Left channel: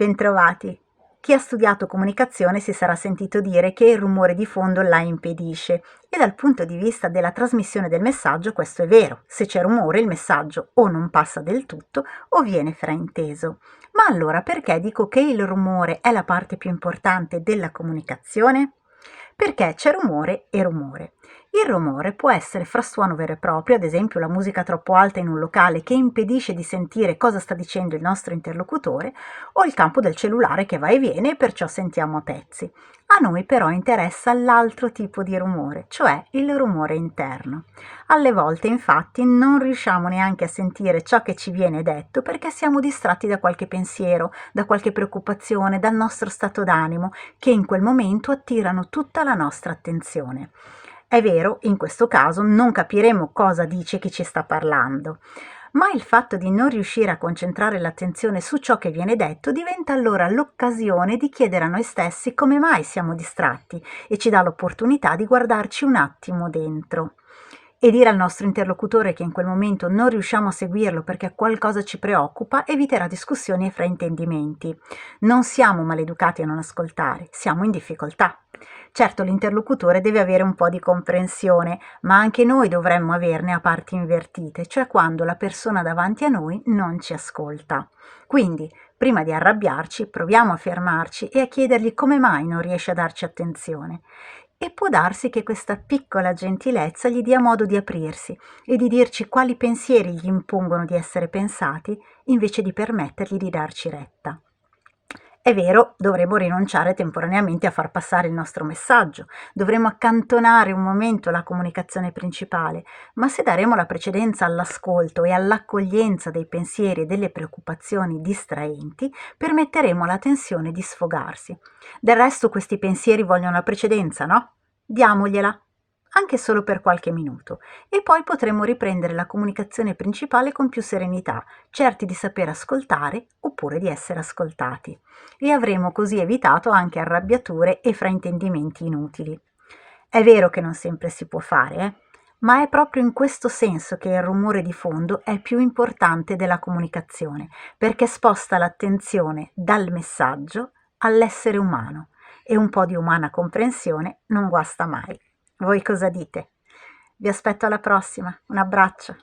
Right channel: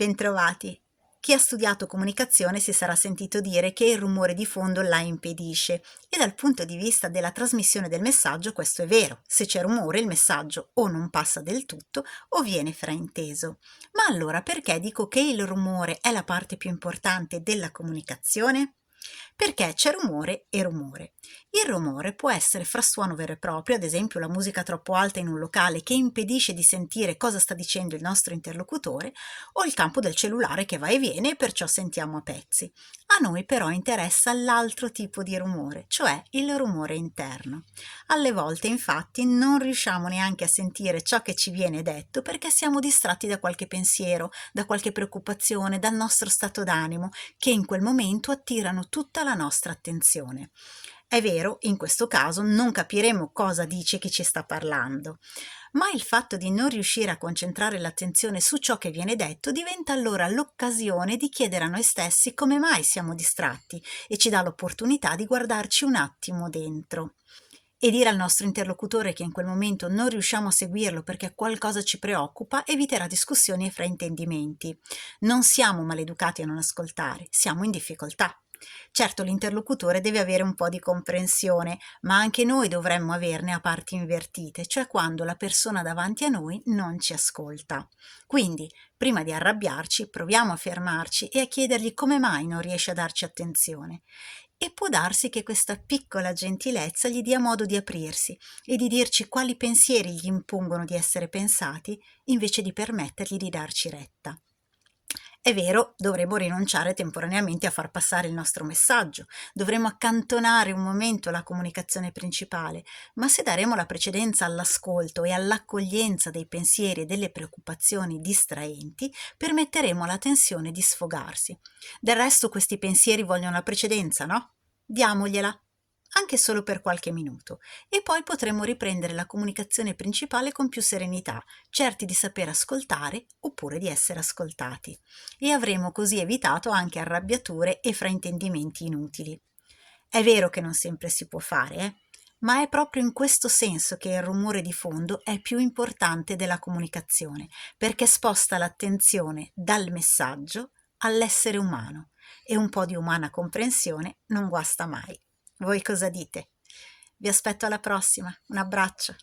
Bentrovati! Chi ha studiato comunicazione si sarà sentito dire che il rumore di fondo la impedisce e dal punto di vista della trasmissione del messaggio questo è vero. Se c'è rumore il messaggio o non passa del tutto o viene frainteso. Ma allora perché dico che il rumore è la parte più importante della comunicazione? Perché c'è rumore e rumore. Il rumore può essere frastuono vero e proprio, ad esempio la musica troppo alta in un locale che impedisce di sentire cosa sta dicendo il nostro interlocutore, o il campo del cellulare che va e viene e perciò sentiamo a pezzi. A noi però interessa l'altro tipo di rumore, cioè il rumore interno. Alle volte infatti non riusciamo neanche a sentire ciò che ci viene detto perché siamo distratti da qualche pensiero, da qualche preoccupazione, dal nostro stato d'animo, che in quel momento attirano tutta la nostra attenzione. È vero, in questo caso non capiremo cosa dice chi ci sta parlando, ma il fatto di non riuscire a concentrare l'attenzione su ciò che viene detto diventa allora l'occasione di chiedere a noi stessi come mai siamo distratti e ci dà l'opportunità di guardarci un attimo dentro. E dire al nostro interlocutore che in quel momento non riusciamo a seguirlo perché qualcosa ci preoccupa eviterà discussioni e fraintendimenti. Non siamo maleducati a non ascoltare, siamo in difficoltà. Certo, l'interlocutore deve avere un po' di comprensione, ma anche noi dovremmo averne a parti invertite, cioè quando la persona davanti a noi non ci ascolta. Quindi, prima di arrabbiarci, proviamo a fermarci e a chiedergli come mai non riesce a darci attenzione. E può darsi che questa piccola gentilezza gli dia modo di aprirsi e di dirci quali pensieri gli impongono di essere pensati invece di permettergli di darci retta. È vero, dovremmo rinunciare temporaneamente a far passare il nostro messaggio, dovremmo accantonare un momento la comunicazione principale, ma se daremo la precedenza all'ascolto e all'accoglienza dei pensieri e delle preoccupazioni distraenti, permetteremo alla tensione di sfogarsi. Del resto questi pensieri vogliono la precedenza, no? Diamogliela, anche solo per qualche minuto, e poi potremo riprendere la comunicazione principale con più serenità, certi di saper ascoltare oppure di essere ascoltati, e avremo così evitato anche arrabbiature e fraintendimenti inutili. È vero che non sempre si può fare, ma è proprio in questo senso che il rumore di fondo è più importante della comunicazione, perché sposta l'attenzione dal messaggio all'essere umano, e un po' di umana comprensione non guasta mai. Voi cosa dite? Vi aspetto alla prossima, un abbraccio.